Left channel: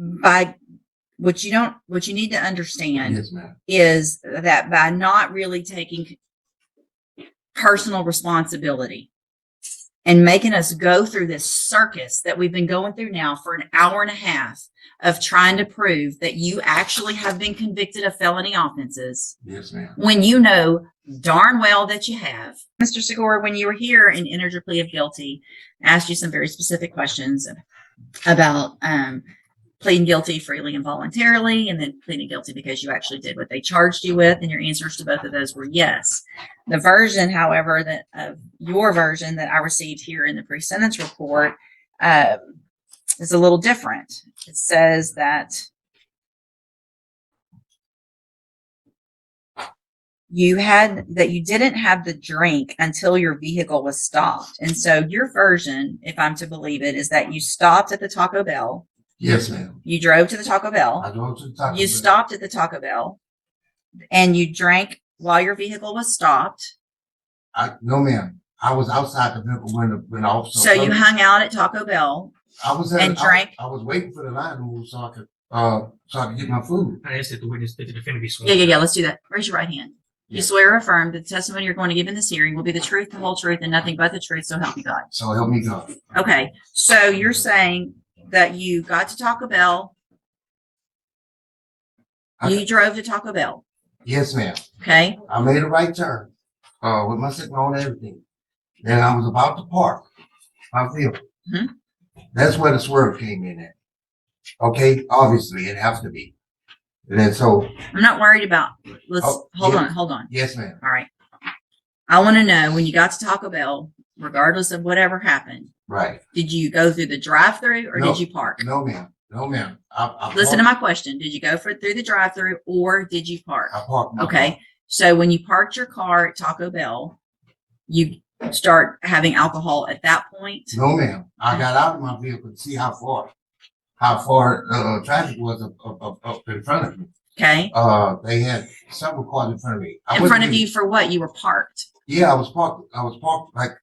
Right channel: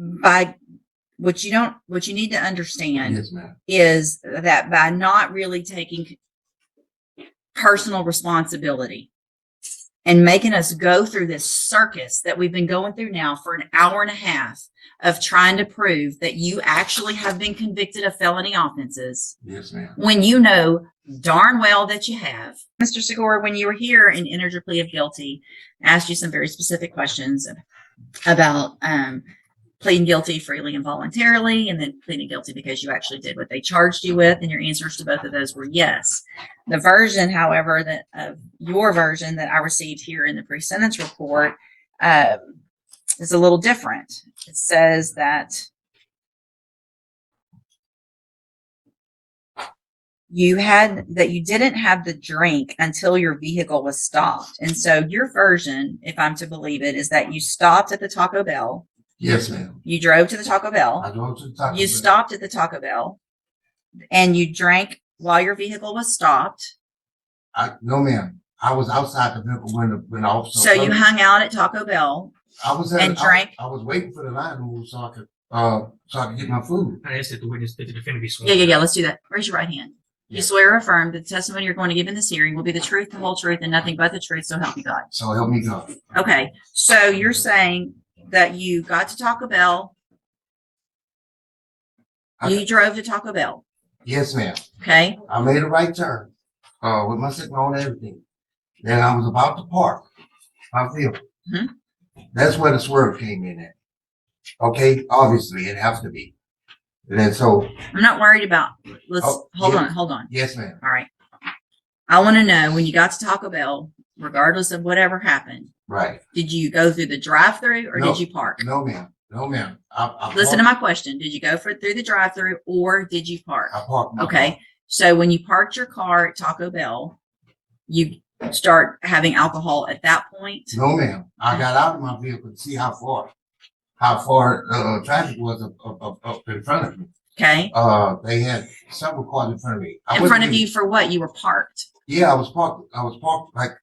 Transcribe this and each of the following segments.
by what you need to understand is that by not really taking personal responsibility and making us go through this circus that we've been going through now for an hour and a half of trying to prove that you actually have been convicted of felony offenses. Yes, ma'am. When you know darn well that you have. Mr. Segura, when you were here and entered your plea of guilty, I asked you some very specific questions about pleading guilty freely and voluntarily, and then pleading guilty because you actually did what they charged you with, and your answers to both of those were yes. The version, however, that your version that I received here in the pre-sentence report is a little different. It says that you didn't have the drink until your vehicle was stopped. And so your version, if I'm to believe it, is that you stopped at the Taco Bell. Yes, ma'am. You drove to the Taco Bell. I drove to the Taco Bell. You stopped at the Taco Bell, and you drank while your vehicle was stopped. No, ma'am. I was outside the vehicle when the officer. So you hung out at Taco Bell and drank. I was waiting for the line to move so I could get my food. I asked if the witness did the defendant be sworn. Yeah. Let's do that. Raise your right hand. You swear or affirm that the testimony you're going to give in this hearing will be the truth, the whole truth, and nothing but the truth, so help you God. So help me God. Okay. So you're saying that you got to Taco Bell. You drove to Taco Bell. Yes, ma'am. Okay. I made a right turn. With my signal and everything. Then I was about to park my vehicle. Mm-hmm. That's where the swerve came in at. Okay, obviously it has to be. And then so I'm not worried about. Hold on. Yes, ma'am. All right. I want to know when you got to Taco Bell, regardless of whatever happened. Right. Did you go through the drive-through or did you park? No, ma'am. No, ma'am. Listen to my question. Did you go through the drive-through or did you park? I parked my Okay. car. So when you parked your car at Taco Bell, you start having alcohol at that point? No, ma'am. I got out of my vehicle to see how far the traffic was in front of me. Okay. They had several cars in front of me. In front of you for what? You were parked. Yeah, I was parked like.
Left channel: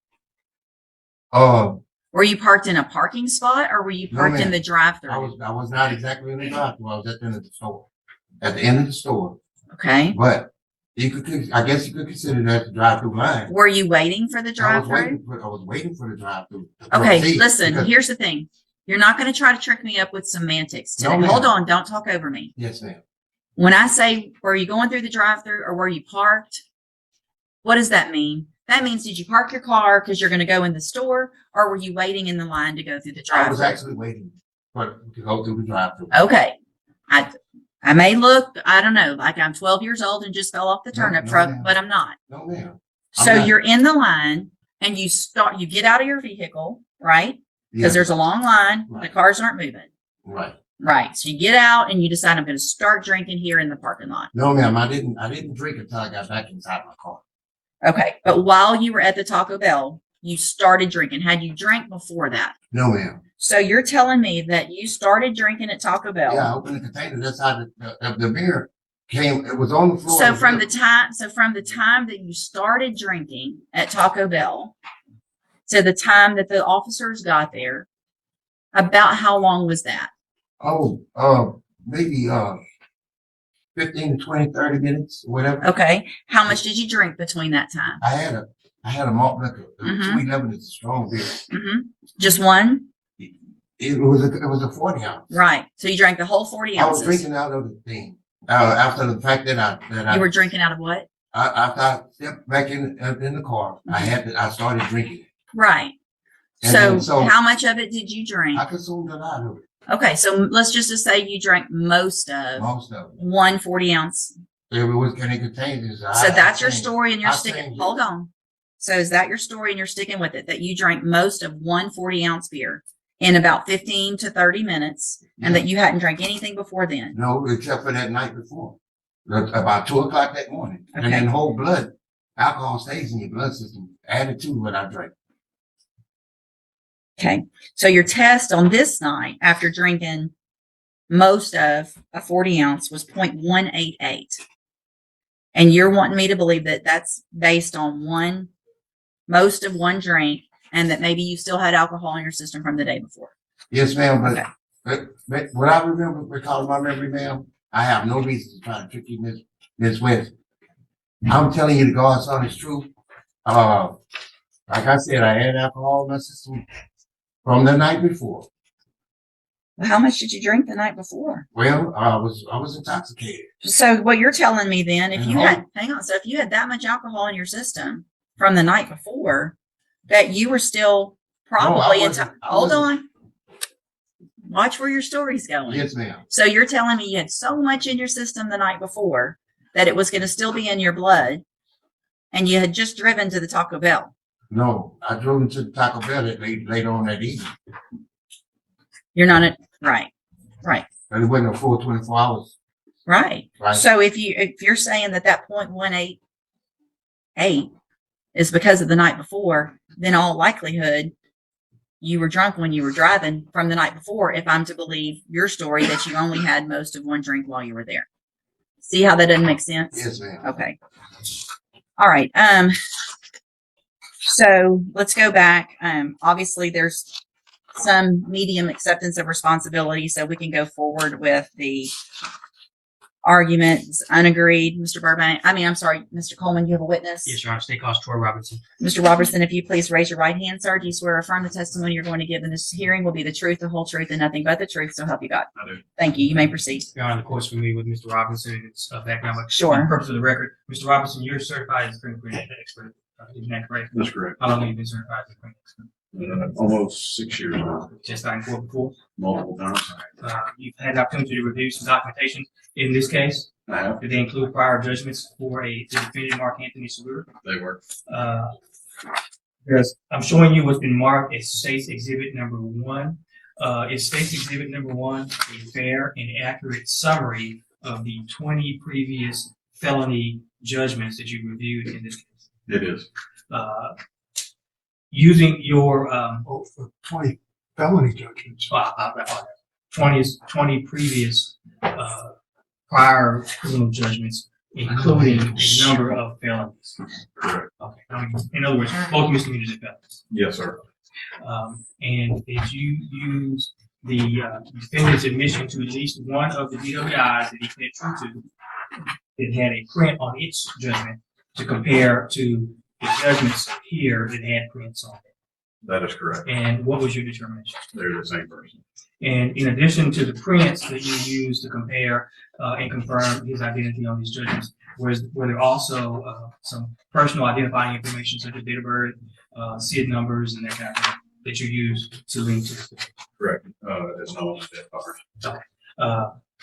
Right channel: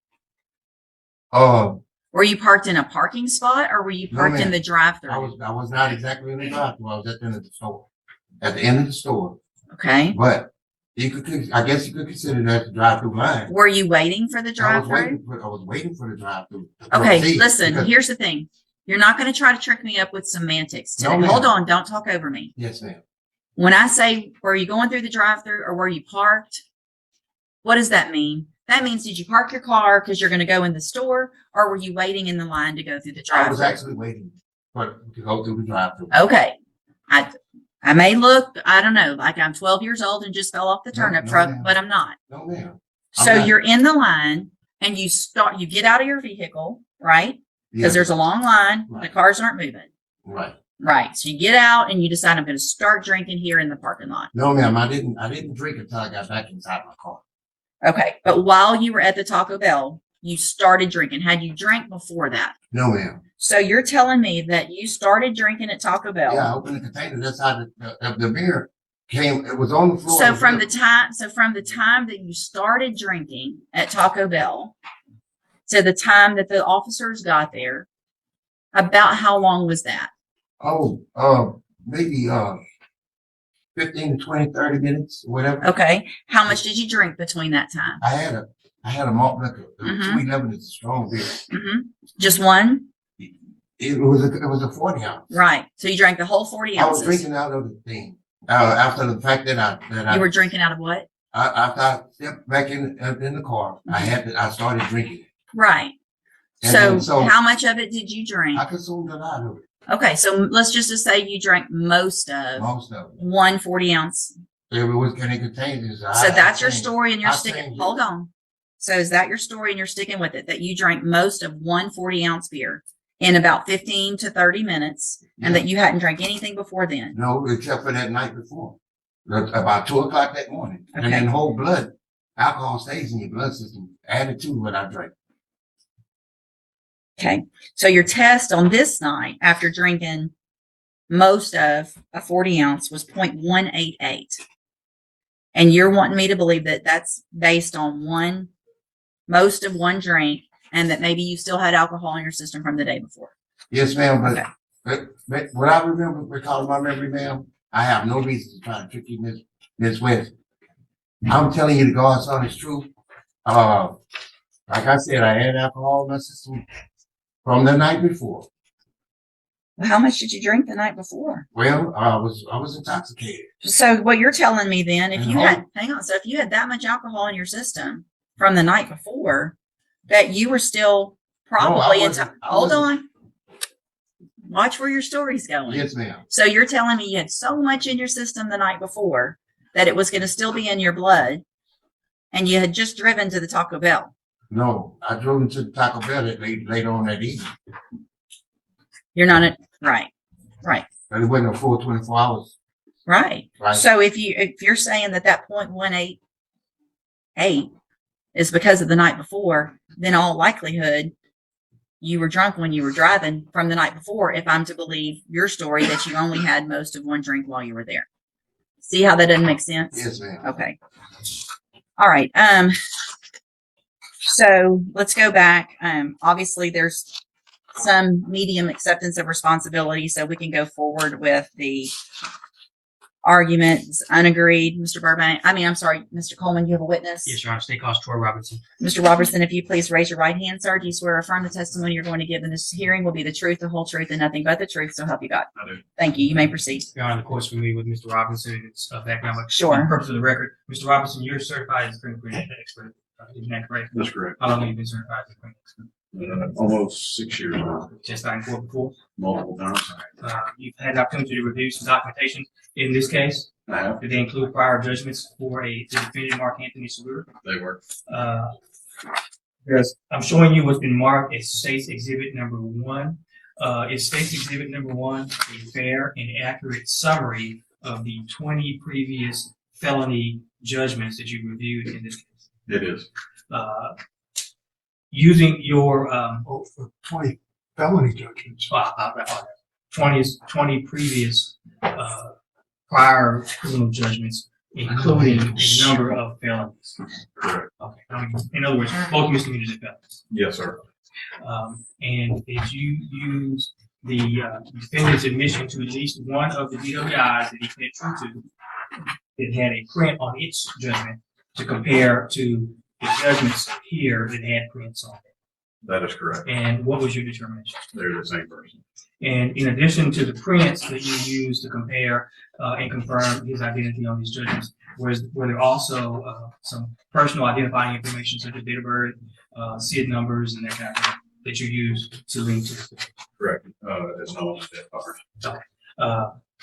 Were you parked in a parking spot or were you parked in the drive-through? I was not exactly in the drive-through. I was at the end of the store. At the end of the store. Okay. But I guess you could consider that the drive-through line. Were you waiting for the drive-through? I was waiting for the drive-through. Okay, listen, here's the thing. You're not going to try to trick me up with semantics today. No, hold on, don't talk over me. Yes, ma'am. When I say, were you going through the drive-through or were you parked? What does that mean? That means, did you park your car because you're going to go in the store, or were you waiting in the line to go through the drive-through? I was actually waiting to go through the drive-through. Okay. I may look, I don't know, like I'm 12 years old and just fell off the turnip truck, but I'm not. No, ma'am. So you're in the line and you get out of your vehicle, right? Because there's a long line. Right. The cars aren't moving. Right. Right. So you get out and you decide I'm going to start drinking here in the parking lot. No, ma'am. I didn't drink until I got back inside my car. Okay. But while you were at the Taco Bell, you started drinking. Had you drank before that? No, ma'am. So you're telling me that you started drinking at Taco Bell? Yeah, I opened the container. That's how the beer came. It was on the floor. So from the time that you started drinking at Taco Bell to the time that the officers got there, about how long was that? Oh, maybe 15 to 20, 30 minutes, whatever. Okay. How much did you drink between that time? I had a malt liquor. 2011 is a strong beer. Just one? It was a 40 ounce. Right. So you drank the whole 40 ounces. I was drinking out of the thing. After the fact that you were drinking out of what? After I stepped back in the car, I started drinking. Right. And so how much of it did you drink? I consumed a lot of it. Okay, so let's just say you drank most of it. 1 40 ounce. And it was getting contained. So that's your story and you're sticking. Hold on. So is that your story and you're sticking with it? That you drank most of 1 40 ounce beer in about 15 to 30 minutes and that you hadn't drank anything before then? No, except for that night before. About 2 o'clock that morning. And that whole blood. Alcohol stays in your blood system. Added to what I drank. Okay. So your test on this night after drinking most of a 40 ounce was 0.188. And you're wanting me to believe that that's based on most of one drink and that maybe you still had alcohol in your system from the day before. Yes, ma'am. But When I remember recalling my memory now, I have no reason to try to trick you, Miss Winston. I'm telling you the God's son is true. Like I said, I had alcohol in my system from the night before. How much did you drink the night before? Well, I was almost intoxicated. So what you're telling me then, if you had, hang on, so if you had that much alcohol in your system from the night before, that you were still probably hold on. Watch where your story's going. Yes, ma'am. So you're telling me you had so much in your system the night before that it was going to still be in your blood, and you had just driven to the Taco Bell. No. I drove to Taco Bell and made later on that evening. You're not at right. And it wasn't a full 24 hours. Right. Right. So if you're saying that 0.188 is because of the night before, then all likelihood you were drunk when you were driving from the night before, if I'm to believe your story that you only had most of one drink while you were there. See how that doesn't make sense? Yes, ma'am. Okay. All right. So let's go back. Obviously there's some medium acceptance of responsibility, so we can go forward with the arguments unagreed. Mr. Coleman, you have a witness? Yes, Your Honor. State Constable Troy Robinson. Mr. Robertson, if you please raise your right hand, sir. Do you swear or affirm the testimony you're going to give in this hearing will be the truth, the whole truth, and nothing but the truth, so help you God? I do. Thank you. You may proceed. Your Honor, of course, familiar with Mr. Robinson. It's economic. Sure. For the purpose of the record, Mr. Robinson, you're certified as a fingerprint expert. Isn't that correct? That's correct. How long have you been certified as a fingerprint expert? Almost 6 years now, Testified in court before. multiple times. You've had the opportunity to review some documentation in this case. Did they include prior judgments for a defendant Mark Anthony Stewart? Yes, I'm showing you what's been marked as State's Exhibit Number 1. Is State's Exhibit Number 1 a fair and accurate summary of the 20 previous felony judgments that you reviewed in this case? Yes. Using your 20 felony judgments. 20 previous prior criminal judgments, including a number of felonies. Correct. Okay. In other words, both misdemeanors and felonies. Yes, sir. And did you use the defendant's admission to at least one of the DWIs that he pled true to that had a print on its judgment to compare to the judgments here that had prints on it? That is correct. And what was your determination? They're the same person. And in addition to the prints that you used to compare and confirm his identity on these judgments, were there also some personal identifying information such as date of birth, SID numbers, and that kind of thing that you used to link to this? Correct. It's not like that part.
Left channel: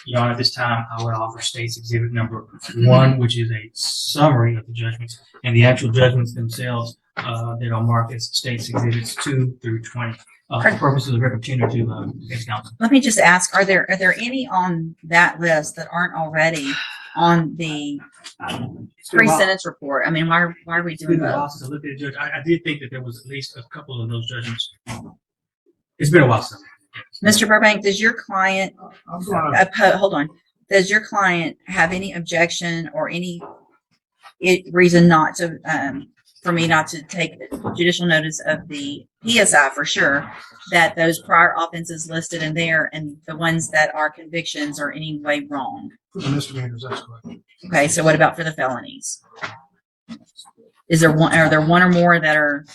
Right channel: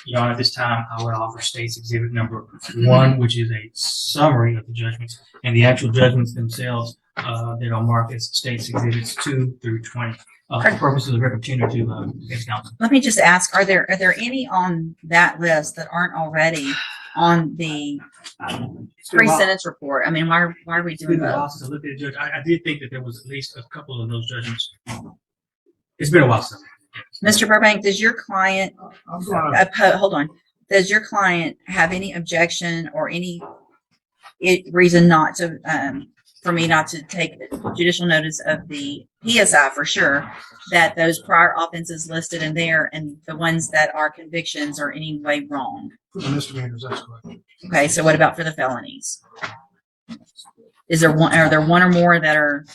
Your Honor, at this time, I would offer State's Exhibit Number 1, which is a summary of the judgments, and the actual judgments themselves that are marked as State's Exhibits 2 through 20. For purposes of opportunity of case counsel. Let me just ask, are there any on that list that aren't already on the pre-sentence report? I mean, why are we doing that? I looked at the judge. I did think that there was at least a couple of those judgments. It's been a while since. Mr. Burbank, does your client hold on? Does your client have any objection or any reason not to for me not to take judicial notice of the PSI for sure that those prior offenses listed in there and the ones that are convictions are any way wrong? For the misdemeanors, that's correct. Okay, so what about for the felonies? Are there one or more that are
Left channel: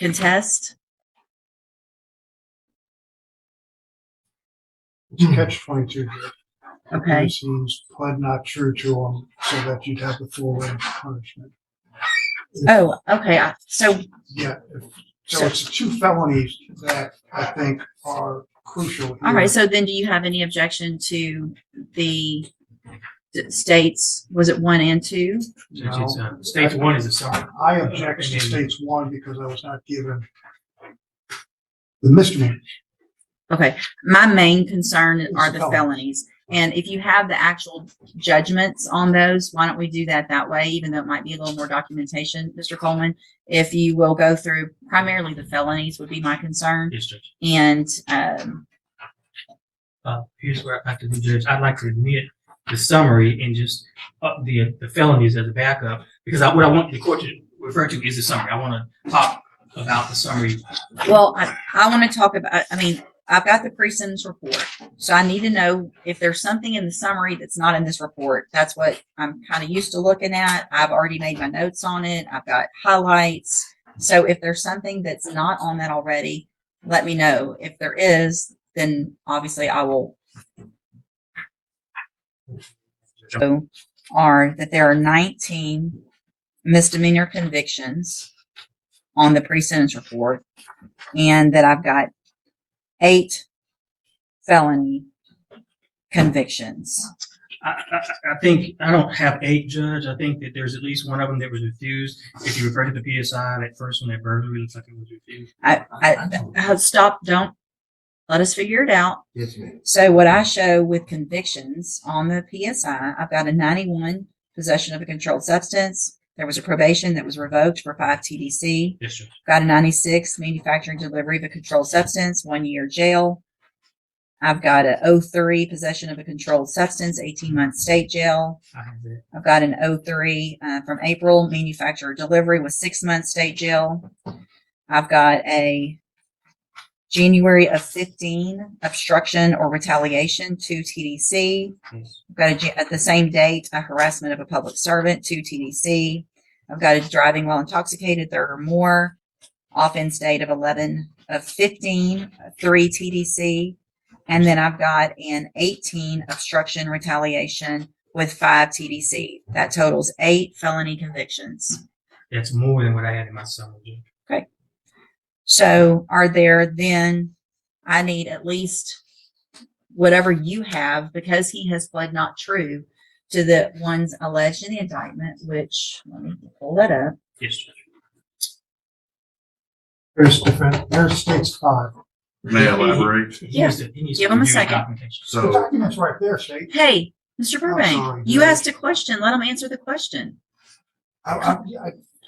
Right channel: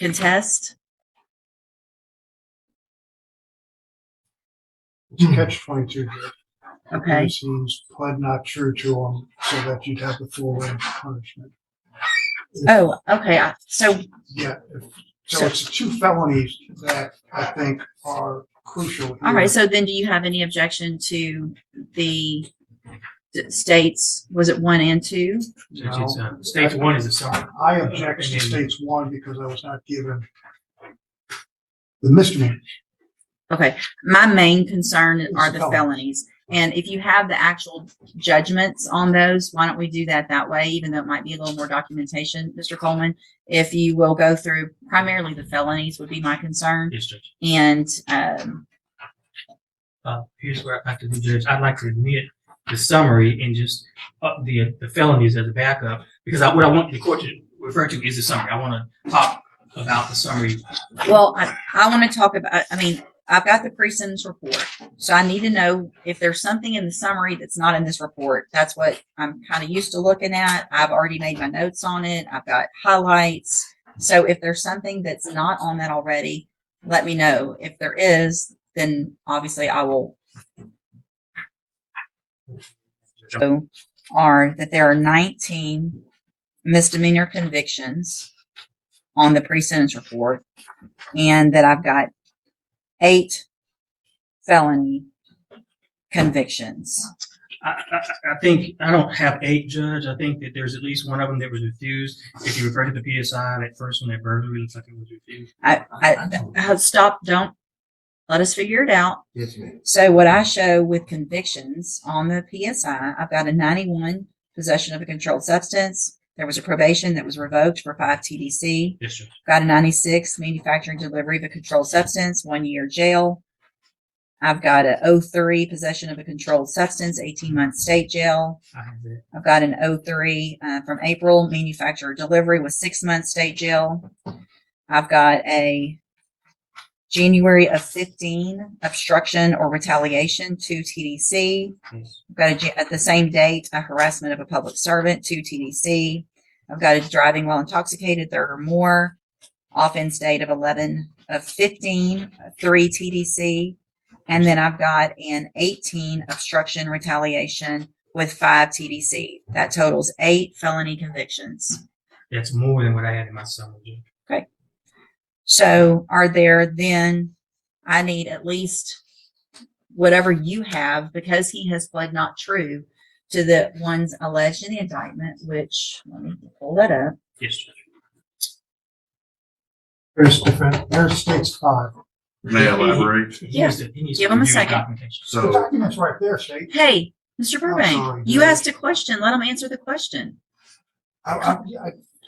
contest? It's a catch-22. Okay. He's pled not true to them so that you'd have the full punishment. Oh, okay. So Yeah. So it's the 2 felonies that I think are crucial. okay, so then do you have any objection to the states, was it 1 and 2? No. Stage 1 is a summary. I object to states 1 because I was not given the misdemeanors. Okay, my main concern are the felonies. And if you have the actual judgments on those, why don't we do that way, even though it might be a little more documentation, Mr. Coleman? If you will go through primarily the felonies would be my concern. Yes, Judge. And Here's where I have to be, Judge. I'd like to admit the summary and just the felonies as a backup, because what I want the court to refer to is the summary. I want to talk about the summary. well, I want to talk about, I mean, I've got the precincts report. So I need to know if there's something in the summary that's not in this report. That's what I'm kind of used to looking at. I've already made my notes on it. I've got highlights. So if there's something that's not on it already, let me know. If there is, then obviously I will. So are that there are 19 misdemeanor convictions on the precincts report, and that I've got 8 felony convictions. I think I don't have 8, Judge. I think that there's at least one of them that was refused. If you refer to the PSI, that first one, that burglary, looks like it was refused. Stop, don't. Let us figure it out. Yes, ma'am. So what I show with convictions on the PSI, I've got a 91 possession of a controlled substance. There was a probation that was revoked for 5 TDC. Yes, sir. Got a 96 manufacturing delivery of a controlled substance, 1 year jail. I've got a 03 possession of a controlled substance, 18 months state jail. I have that. I've got an 03 from April manufacturer delivery with 6 months state jail. I've got a January of 15 obstruction or retaliation, 2 TDC. Yes. I've got at the same date a harassment of a public servant, 2 TDC. I've got a driving while intoxicated, 3rd or more. Offense date of 11 of 15, 3 TDC. And then I've got an 18 obstruction retaliation with 5 TDC. That totals 8 felony convictions. That's more than what I had in my summary. So are there then, I need at least whatever you have, because he has pled not true to the ones alleged in the indictment, which, let me pull that up. Yes, sir. There's states 5. May I elaborate? Yeah. Give him a second. The So, document's right there, State. Hey, Mr. Burbank, you asked a question. Let him answer the question. I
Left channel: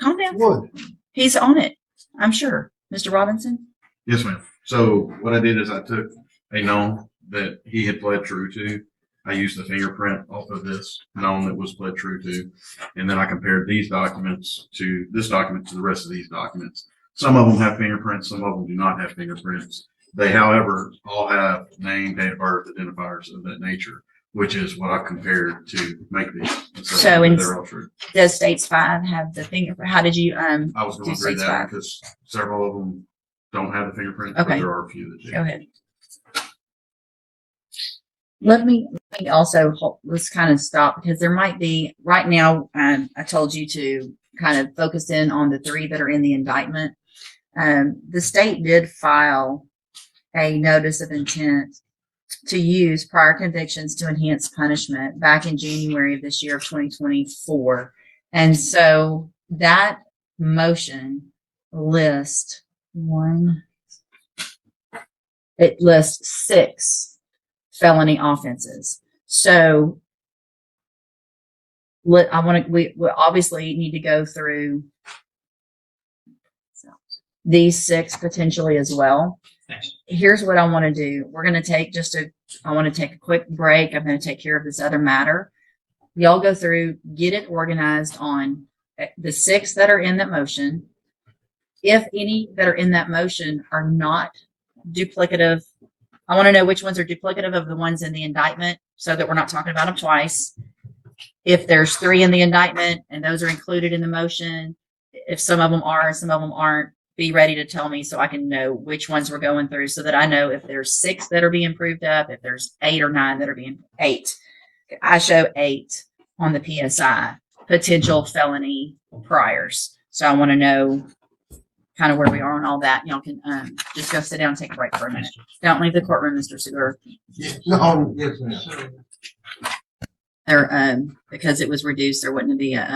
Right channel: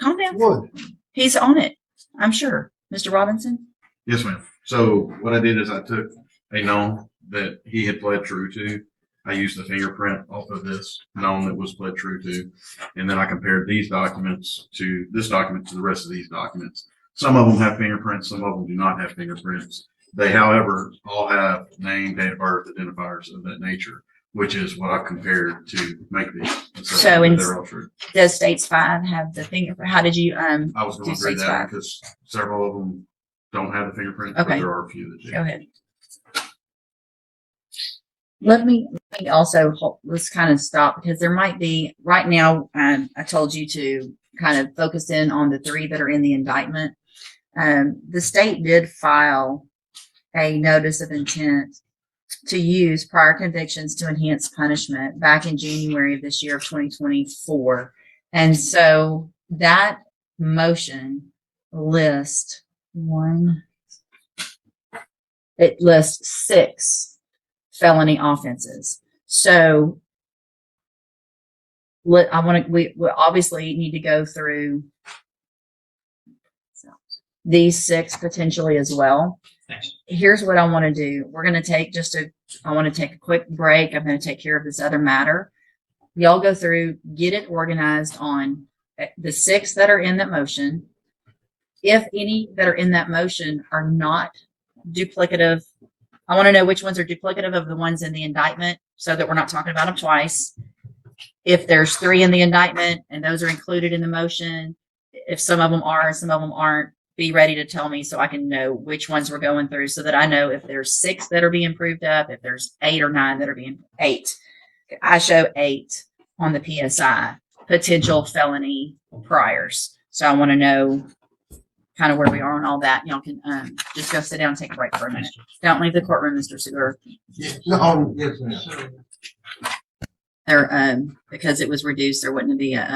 Calm down. would. He's on it, I'm sure. Mr. Robinson? yes, ma'am. So what I did is I took a known that he had pled true to. I used the fingerprint off of this known that was pled true to. And then I compared these documents to this document to the rest of these documents. Some of them have fingerprints, some of them do not have fingerprints. They, however, all have name, date of birth, identifiers of that nature, which is what I compared to make these. So in- they're all true. Does states 5 have the fingerprint? How did you, I was do going to read states that 5? because several of them don't have the fingerprint, Okay. but there are a few that do. Go ahead. Let me also, let's kind of stop, because there might be, right now, I told you to kind of focus in on the 3 that are in the indictment. The state did file a notice of intent to use prior convictions to enhance punishment back in January of this year of 2024. And so that motion lists 6 felony offenses. So what I want to, we obviously need to go through these 6 potentially as well. Here's what I want to do. We're going to take I want to take a quick break. I'm going to take care of this other matter. Y'all go through, get it organized on the 6 that are in that motion. If any that are in that motion are not duplicative, I want to know which ones are duplicative of the ones in the indictment so that we're not talking about them twice. If there's 3 in the indictment and those are included in the motion, if some of them are and some of them aren't, be ready to tell me so I can know which ones we're going through, so that I know if there's 6 that are being proved up, if there's 8 or 9 that are being 8. I show 8 on the PSI, potential felony priors. So I want to know kind of where we are and all that. Y'all can just go sit down and take a break for a minute. Don't leave the courtroom, Mr. Segura. No, yes, ma'am. There, because it was reduced, there wouldn't be a.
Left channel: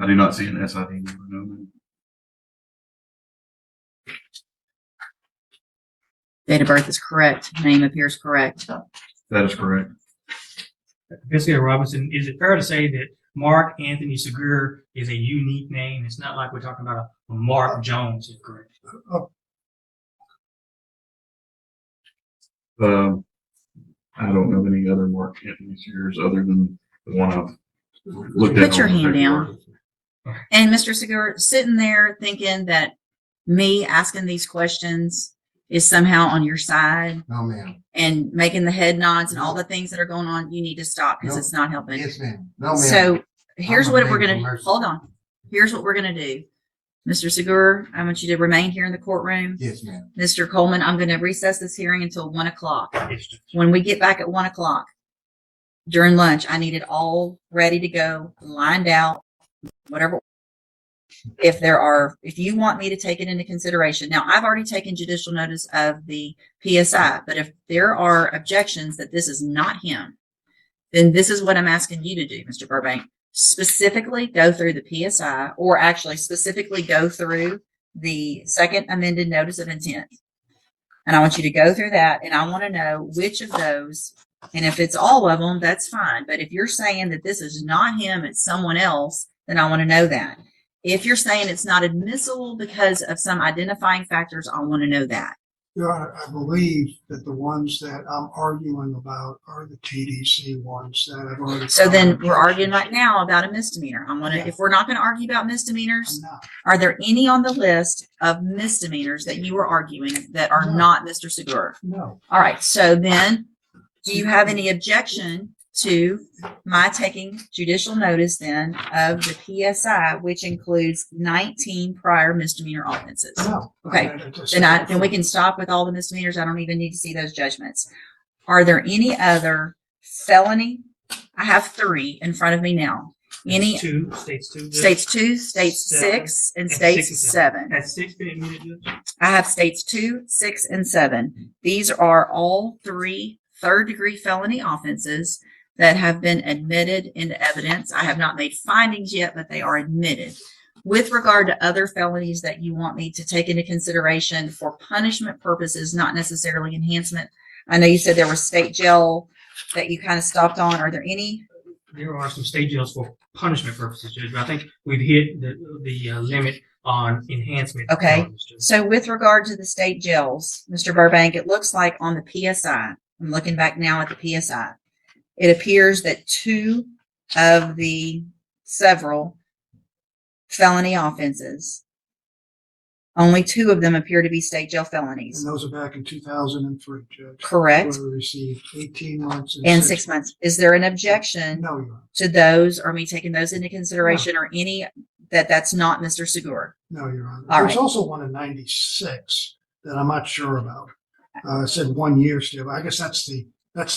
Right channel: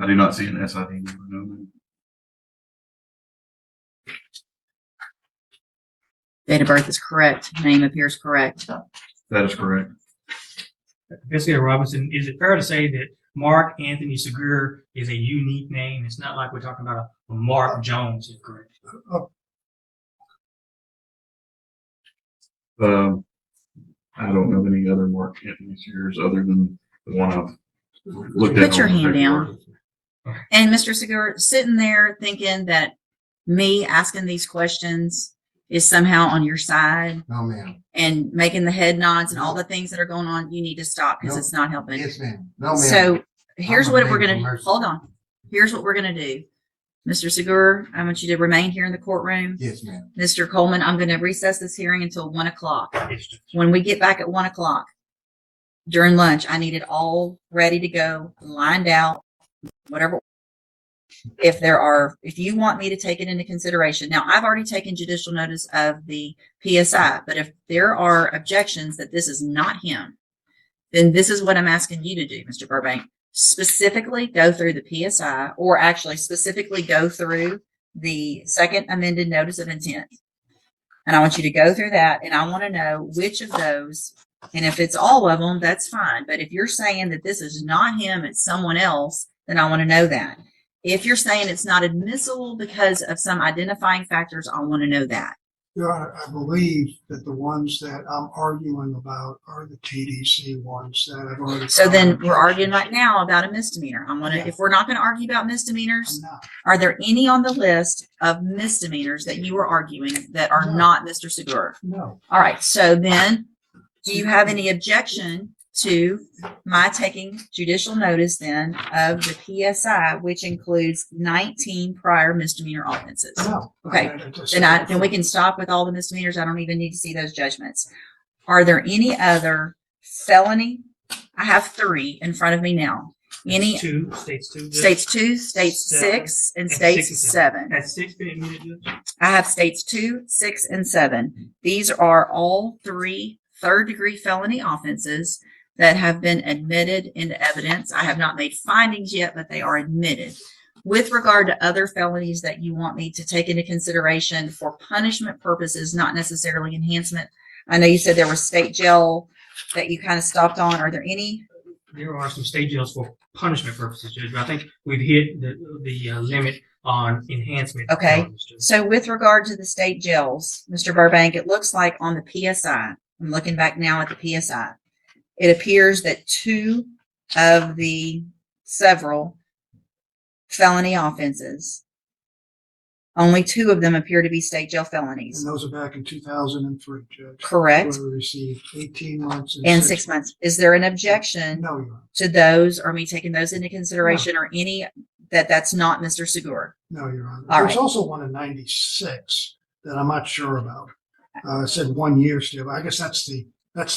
I do not see an SID. Date of birth is correct. Name appears correct. That is correct. Investigator Robinson, is it fair to say that Mark Anthony Segura is a unique name? It's not like we're talking about a Mark Jones, is correct? I don't have any other Mark Anthony Sears other than the one I've looked Put at. your hand down. And Mr. Segura, sitting there thinking that me asking these questions is somehow on your side No, ma'am. and making the head nods and all the things that are going on, you need to stop because No. it's not helping. Yes, ma'am. No, ma'am. So here's I'm what a we're man going for to mercy. hold on. Here's what we're going to do. Mr. Segura, I want you to remain here in the courtroom. Yes, ma'am. Mr. Coleman, I'm going to recess this hearing until 1 o'clock. When we get back at 1 o'clock during lunch, I need it all ready to go, lined out. If you want me to take it into consideration, now I've already taken judicial notice of the PSI, but if there are objections that this is not him, then this is what I'm asking you to do, Mr. Burbank. Specifically go through the PSI, or actually specifically go through the second amended notice of intent. And I want you to go through that, and I want to know which of those, and if it's all of them, that's fine. But if you're saying that this is not him, it's someone else, then I want to know that. If you're saying it's not admissible because of some identifying factors, I want to know that. Your Honor, I believe that the ones that I'm arguing about are the TDC ones that I've already. So then we're arguing right now about a misdemeanor. I want to, if we're not going to argue about misdemeanors, I'm not. are there any on the list of misdemeanors that you are arguing that are No. not Mr. Segura? No. All right. So then, do you have any objection to my taking judicial notice then of the PSI, which includes 19 prior misdemeanor offenses? No. Okay. Then we can stop with all the misdemeanors. I don't even need to see those judgments. Are there any other felony? I have 3 in front of me now. Any States two, states 2, states 6, and And states 6 and 7. and 6 been admitted, Judge? I have states 2, 6, and 7. These are all 3 third-degree felony offenses that have been admitted into evidence. I have not made findings yet, but they are admitted. With regard to other felonies that you want me to take into consideration for punishment purposes, not necessarily enhancement, I know you said there was state jail that you kind of stopped on. Are there any? There are some state jails for punishment purposes. I think we've hit the limit on enhancement. Okay. So with regard to the state jails, Mr. Burbank, it looks like on the PSI, I'm looking back now at the PSI, it appears that 2 of the several felony offenses, only 2 of them appear to be state jail felonies. And those are back in 2003, Judge. Correct. Where we received 18 months And 6 months. Is there an objection No, Your Honor. to those, or me taking those into consideration, or any that's not Mr. Segura? No, Your Honor. All There's right. also one in 96 that I'm not sure about. It said 1 year still. I guess that's the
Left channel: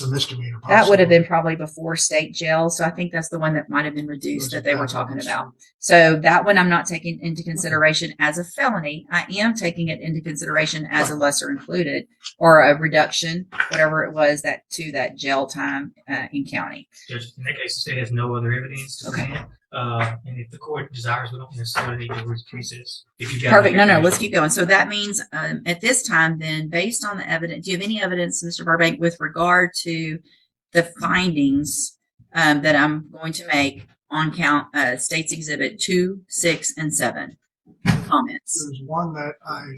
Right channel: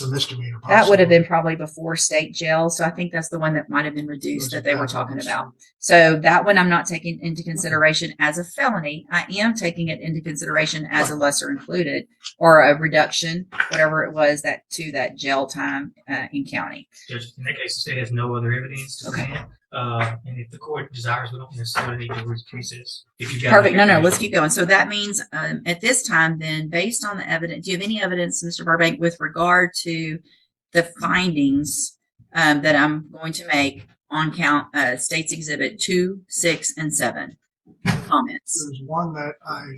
misdemeanor. That would have been possibly. probably before state jail, so I think that's the one that might have been reduced that they were talking about. So that one I'm not taking into consideration as a felony. I am taking it into consideration as a lesser included, or a reduction, whatever it was, that to that jail time in county. Judge, in that case, the state has no other evidence to be, and if the court desires, we don't necessarily need to recess. If you got Perfect. No, any- let's keep going. So that means at this time, then, based on the evidence, do you have any evidence, Mr. Burbank, with regard to the findings that I'm going to make on count States Exhibit 2, 6, and 7? Comments. There's one that I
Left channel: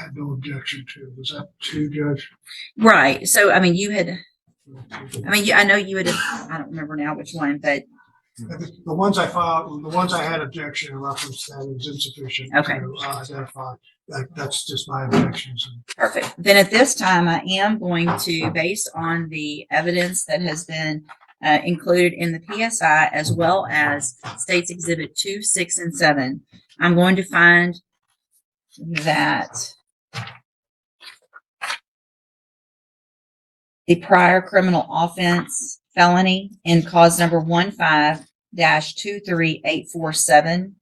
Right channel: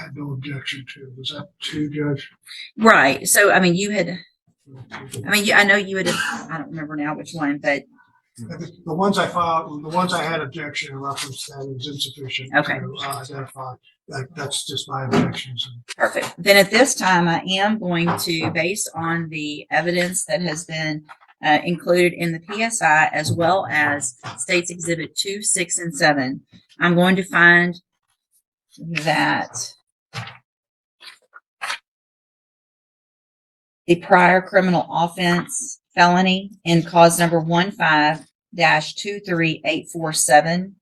had no objection to. Was that 2, Judge? Right. So, I mean, I know you had, I don't remember now which one, but The ones I filed, the ones I had objection in reference to was insufficient. Okay. To identify. That's just my objections. perfect. Then at this time, I am going to, based on the evidence that has been included in the PSI, as well as States Exhibit 2, 6, and 7, I'm going to find that the prior criminal offense felony in cause number 15-23847,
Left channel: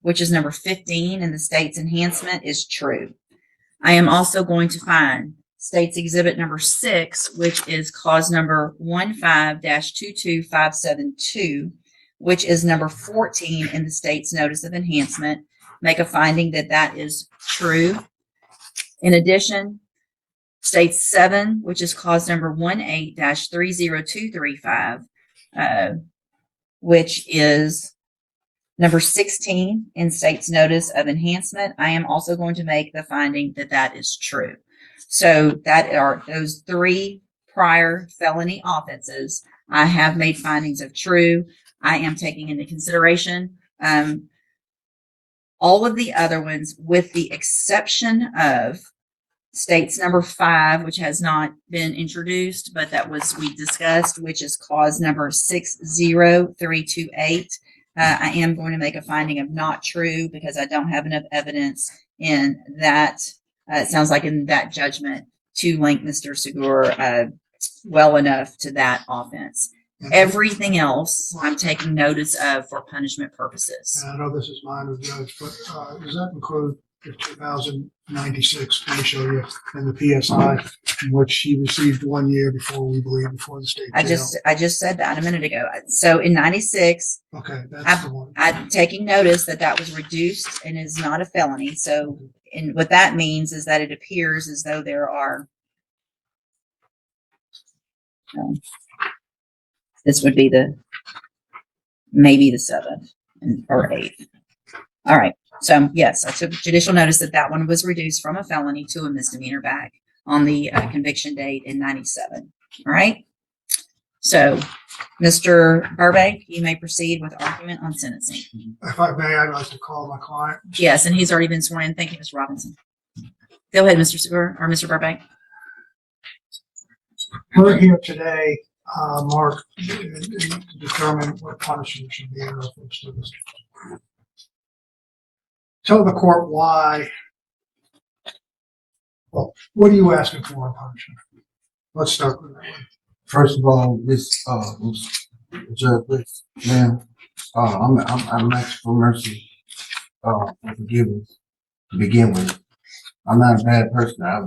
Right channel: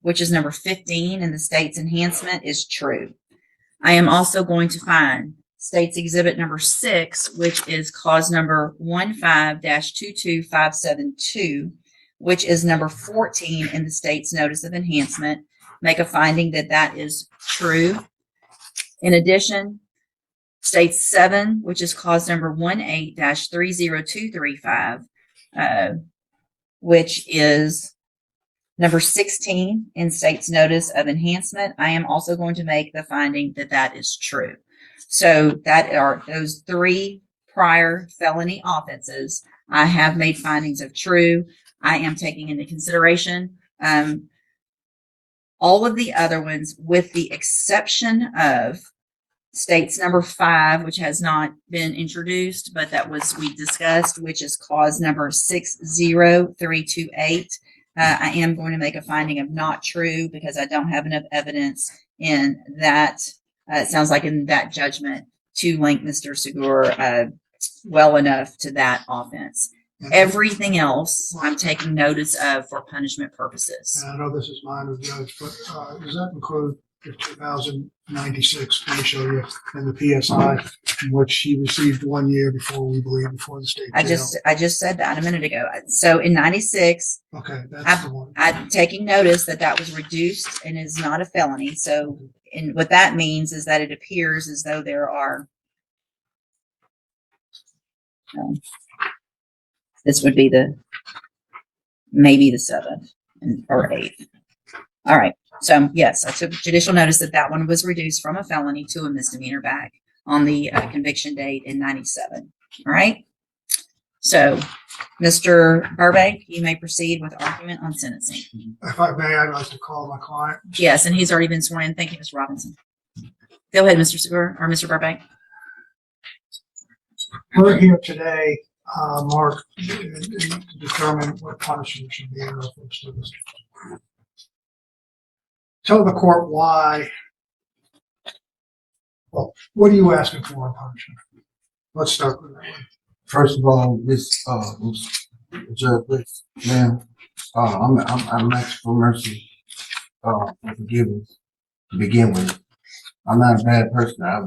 which is number 15 in the state's enhancement, is true. I am also going to find State's Exhibit number 6, which is cause number 15-22572, which is number 14 in the state's notice of enhancement, make a finding that that is true. In addition, State 7, which is cause number 18-30235, which is number 16 in state's notice of enhancement, I am also going to make the finding that that is true. So that are those 3 prior felony offenses. I have made findings of true. I am taking into consideration all of the other ones, with the exception of states number 5, which has not been introduced, but that was we discussed, which is clause number 60328. I am going to make a finding of not true because I don't have enough evidence, and that it sounds like in that judgment to link Mr. Segura well enough to that offense. Everything else I'm taking notice of for punishment purposes. I know this is minor, Judge, but does that include the 2096 ratio in the PSI, which she received 1 year before the state jail? I just said that a minute ago. So in 96, Okay, that's the one. I'm taking notice that was reduced and is not a felony. So, and what that means is that it appears as though there are. This would be maybe the 7th or 8th. All right. So yes, I took judicial notice that one was reduced from a felony to a misdemeanor back on the conviction date in 97. All right. So, Mr. Burbank, you may proceed with argument on sentencing. If I may, I'd like to call my client. Yes, and he's already been sworn in. Thank you, Mr. Robinson. Go ahead, Mr. Segura or Mr. Burbank. We're here today, Mark, to determine what punishment should be in reference to this. Tell the court why. Well, what are you asking for in punishment? Let's start with that. First of all, Judge, now, I'm asking for mercy, and forgiveness to begin with. I'm not a bad person. I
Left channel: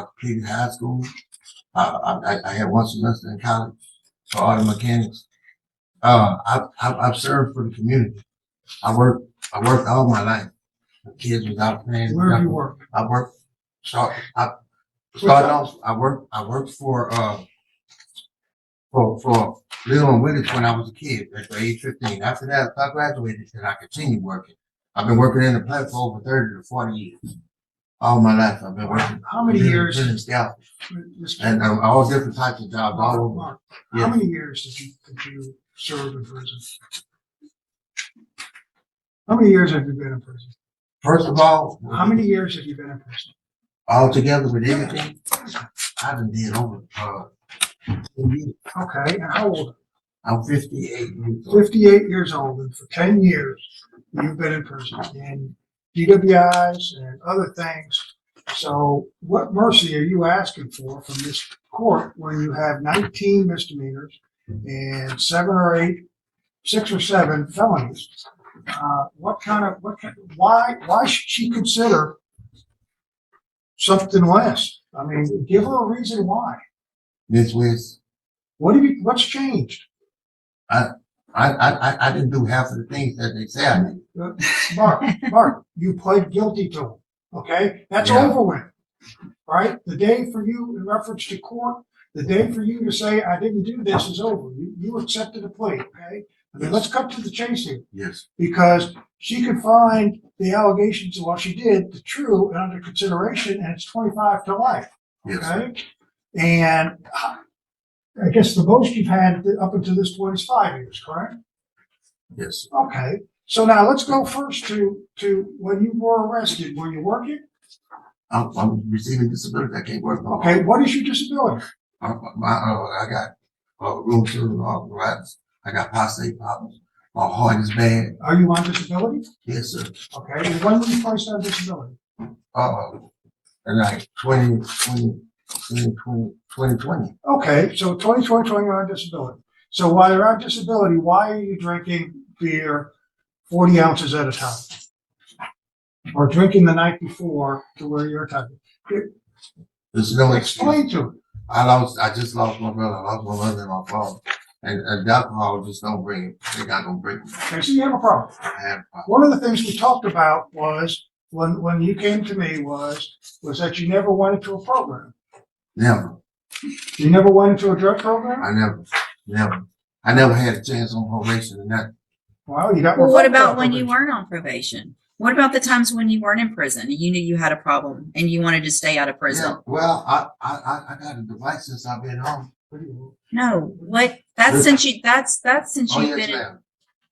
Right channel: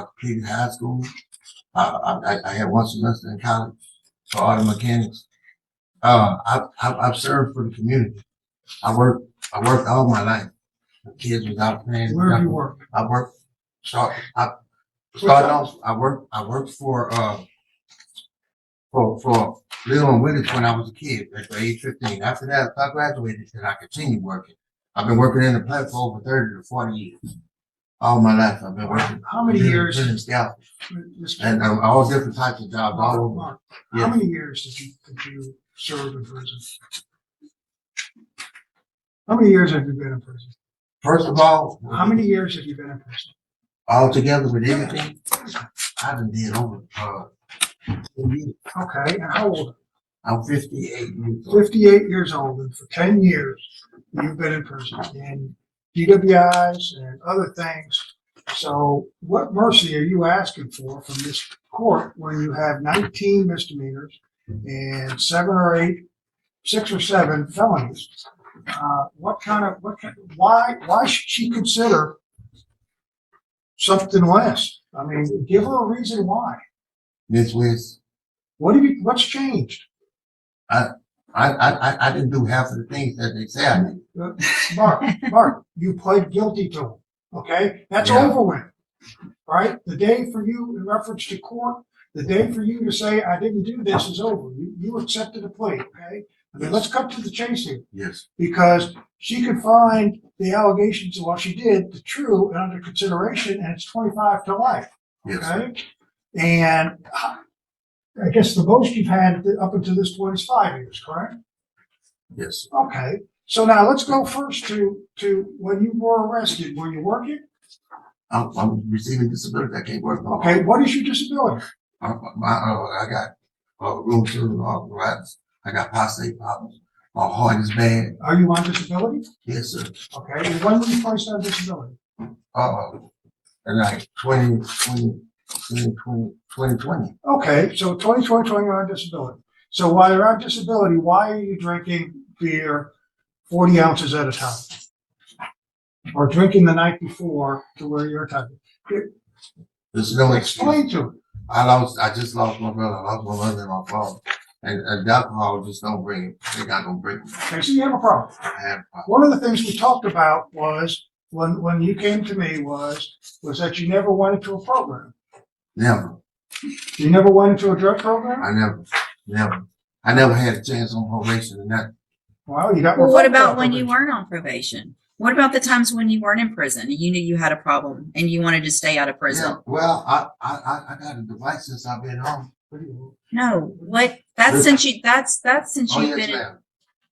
completed high school. I had one semester in college for auto mechanics. I've served for the community. I worked all my life. The kids was out playing. Where have you worked? I worked. I worked for when I was a kid, age 15. After that, I graduated and I continued working. I've been working in the plant for over 30 to 40 years. All my life I've been working. How many years? And all different types of jobs all over. How many years did you serve in prison? How many years have you been in prison? First of all, How many years have you been in prison? altogether with everything, I've been dead over 10 years. Okay, and how old? I'm 58 years old. 58 years old, and for 10 years you've been in prison and DWIs and other things. So what mercy are you asking for from this court where you have 19 misdemeanors and 6 or 7 felonies? Why should she consider something less? I mean, give her a reason why. This was, What's changed? I didn't do half of the things that they say I did. Mark, you pled guilty to them. Okay? That's Yeah. over with. Right? The day for you, in reference to court, the day for you to say, I didn't do this is over. You accepted a plea, okay? I mean, let's cut to the chase here. Yes. Because she could find the allegations of what she did the true and under consideration, and it's 25 to life. Yes. Okay? And I guess the most you've had up until this point is 5 years, correct? Yes. Okay. So now let's go first to when you were arrested. Were you working? I'm receiving disability. I can't work. Okay. What is your disability? I got wheelchair arthritis. I got prostate problems. My heart is bad. Are you on disability? Yes, sir. Okay. And when were you placed on disability? In like 2020. Okay. So 2020, you're on disability. So while you're on disability, why are you drinking beer 40 ounces at a time? Or drinking the night before to where you're tired? There's no excuse. Explain to me. I just lost my brother. I lost my mother and my father. And alcohol just don't bring it. They got to bring it. Okay, so you have a problem. I have a problem. One of the things we talked about was when you came to me was that you never went into a program. Never. You never went into a drug program? I never had a chance on probation and that. Well, you got. Well, what about when you weren't on probation? What about the times when you weren't in prison and you knew you had a problem and you wanted to stay out of prison? Yeah, well, I got a device since I've been home. No, what? That's since you've Yes, been in. ma'am.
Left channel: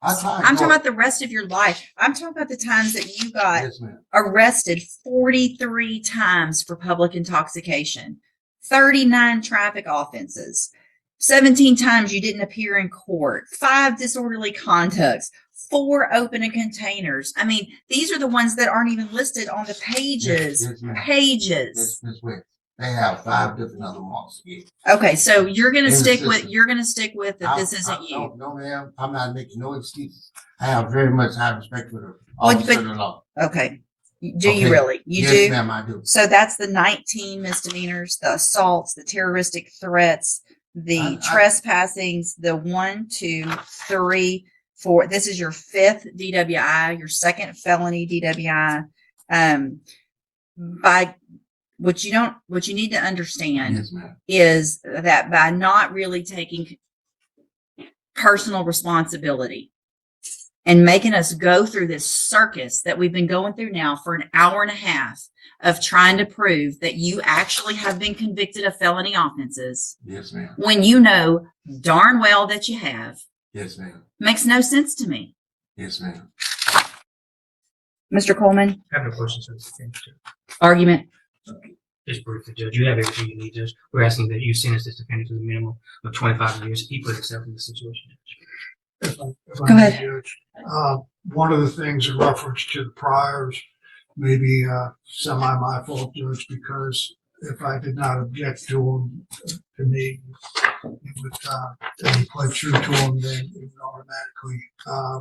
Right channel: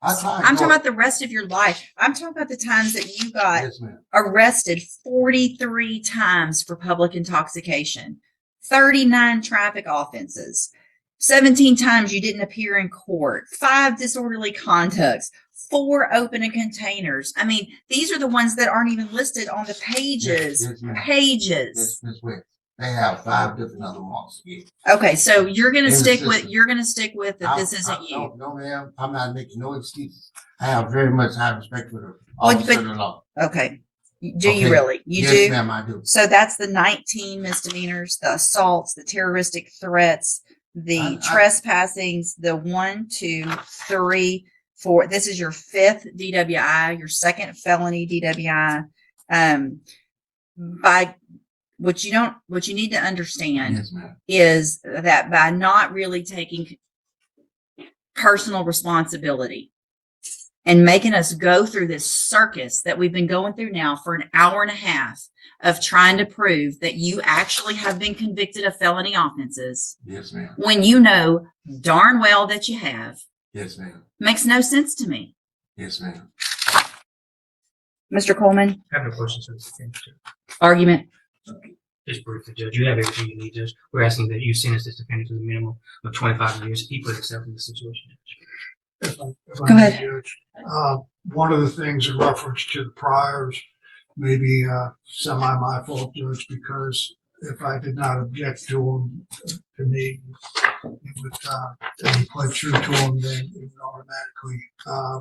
I'm talking about the rest of your life. I'm talking about the times that you got Yes, ma'am. arrested 43 times for public intoxication, 39 traffic offenses, 17 times you didn't appear in court, 5 disorderly conducts, 4 opening containers. I mean, these are the ones that aren't even listed on the pages. Yes, ma'am. Pages. Yes, ma'am. I have 5 different other ones. Okay, so you're gonna stick with that this isn't you. No, ma'am. I'm not making no excuses. I have very much high respect for the Well, officer of the law. Okay. Do Okay. you really? You Yes, do? ma'am, I do. So that's the 19 misdemeanors, the assaults, the terroristic threats, the trespassings, the 1, 2, 3, 4. This is your 5th DWI, your 2nd felony DWI. By what you need to understand Yes, ma'am. is that by not really taking personal responsibility and making us go through this circus that we've been going through now for an hour and a half of trying to prove that you actually have been convicted of felony offenses Yes, ma'am. when you know darn well that you have, Yes, ma'am. makes no sense to me. Yes, ma'am. Mr. Coleman, I have no questions for the defendant. argument. Just briefly, Judge, you have everything you need, Judge. We're asking that you sentence this defendant to the minimum of 25 years. He put himself in this situation. If I Go may, ahead. Judge, one of the things in reference to the priors, maybe semi my fault, Judge, because if I did not object to him, to me, and he pled true to him, then it would automatically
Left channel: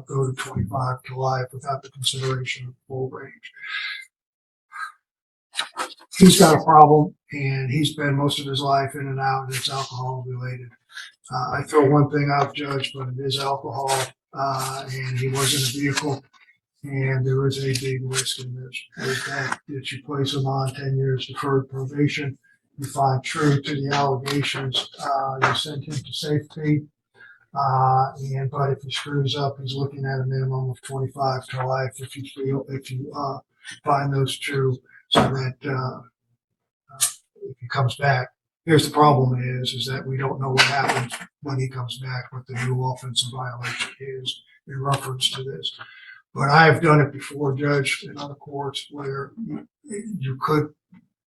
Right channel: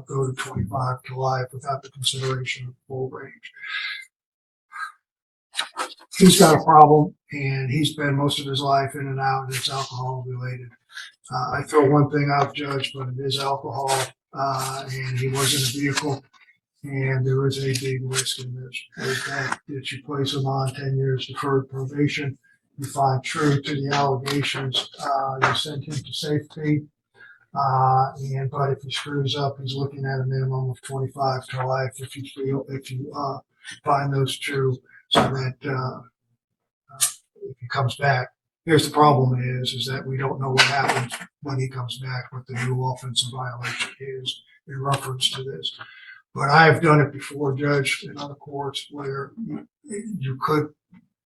go to 25 to life without the consideration of full range. He's got a problem, and he's spent most of his life in and out, and it's alcohol related. I throw one thing out, Judge, but it is alcohol, and he was in a vehicle, and there is a big risk in this. With that you place him on 10 years deferred probation, you find true to the allegations, you send him to safety, but if he screws up, he's looking at a minimum of 25 to life if you find those true, so that if he comes back. Here's the problem is that we don't know what happens when he comes back, what the new offensive violation is in reference to this. But I have done it before, Judge, in other courts where you could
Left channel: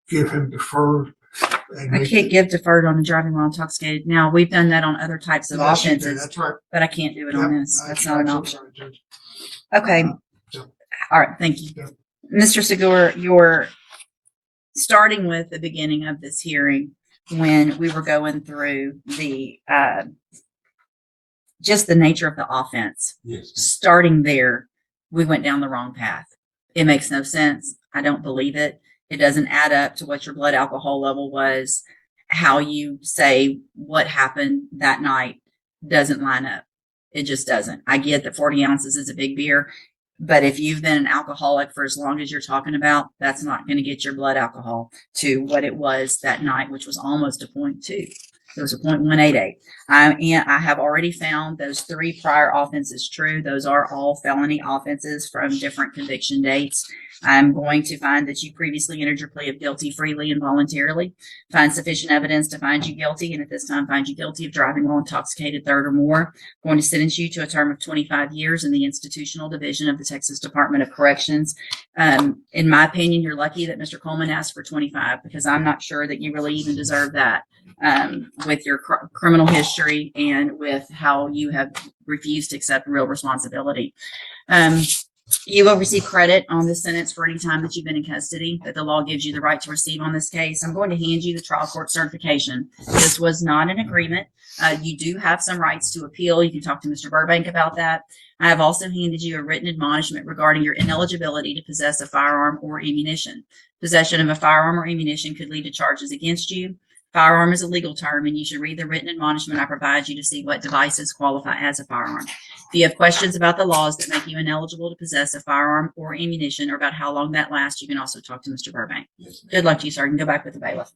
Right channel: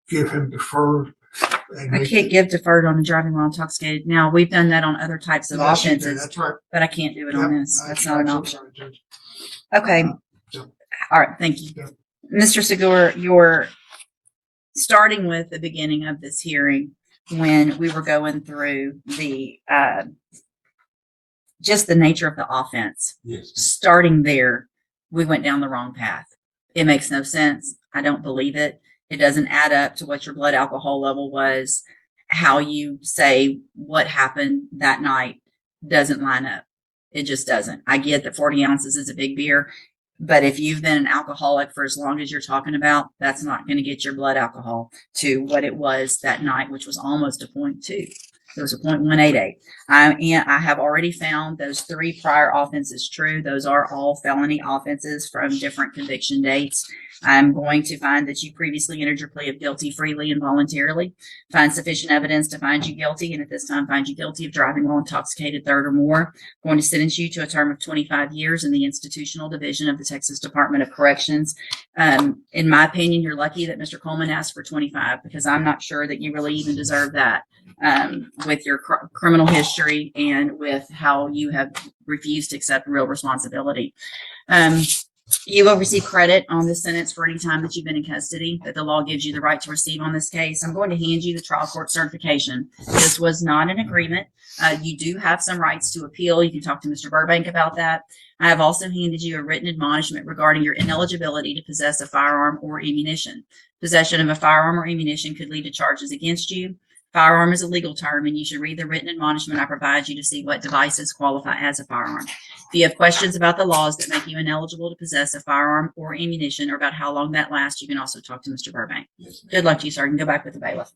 give him deferred. I can't give deferred on the driving while intoxicated. Now, we've done that on other types of offenses, That's right. but I can't do it on this. That's not an I'm option. sorry, Judge. Okay. All right. Thank you. Mr. Segura, you're starting with the beginning of this hearing when we were going through the just the nature of the offense. Yes. Starting there, we went down the wrong path. It makes no sense. I don't believe it. It doesn't add up to what your blood alcohol level was. How you say what happened that night doesn't line up. It just doesn't. I get that 40 ounces is a big beer, but if you've been an alcoholic for as long as you're talking about, that's not going to get your blood alcohol to what it was that night, which was almost a 0.2. It was a 0.188. I have already found those 3 prior offenses true. Those are all felony offenses from different conviction dates. I'm going to find that you previously entered your plea of guilty freely and voluntarily, find sufficient evidence to find you guilty, and at this time find you guilty of driving while intoxicated, 3rd or more. I'm going to sentence you to a term of 25 years in the institutional division of the Texas Department of Corrections. In my opinion, you're lucky that Mr. Coleman asked for 25 because I'm not sure that you really even deserve that. With your criminal history and with how you have refused to accept real responsibility. You will receive credit on this sentence for any time that you've been in custody that the law gives you the right to receive on this case. I'm going to hand you the trial court certification. This was not an agreement. You do have some rights to appeal. You can talk to Mr. Burbank about that. I have also handed you a written admonishment regarding your ineligibility to possess a firearm or ammunition. Possession of a firearm or ammunition could lead to charges against you. Firearm is a legal term, and you should read the written admonishment I provide you to see what devices qualify as a firearm. If you have questions about the laws that make you ineligible to possess a firearm or ammunition or about how long that lasts, you can also talk to Mr. Burbank. Yes, ma'am. Good luck to you, sir. You can go back with the bailiff.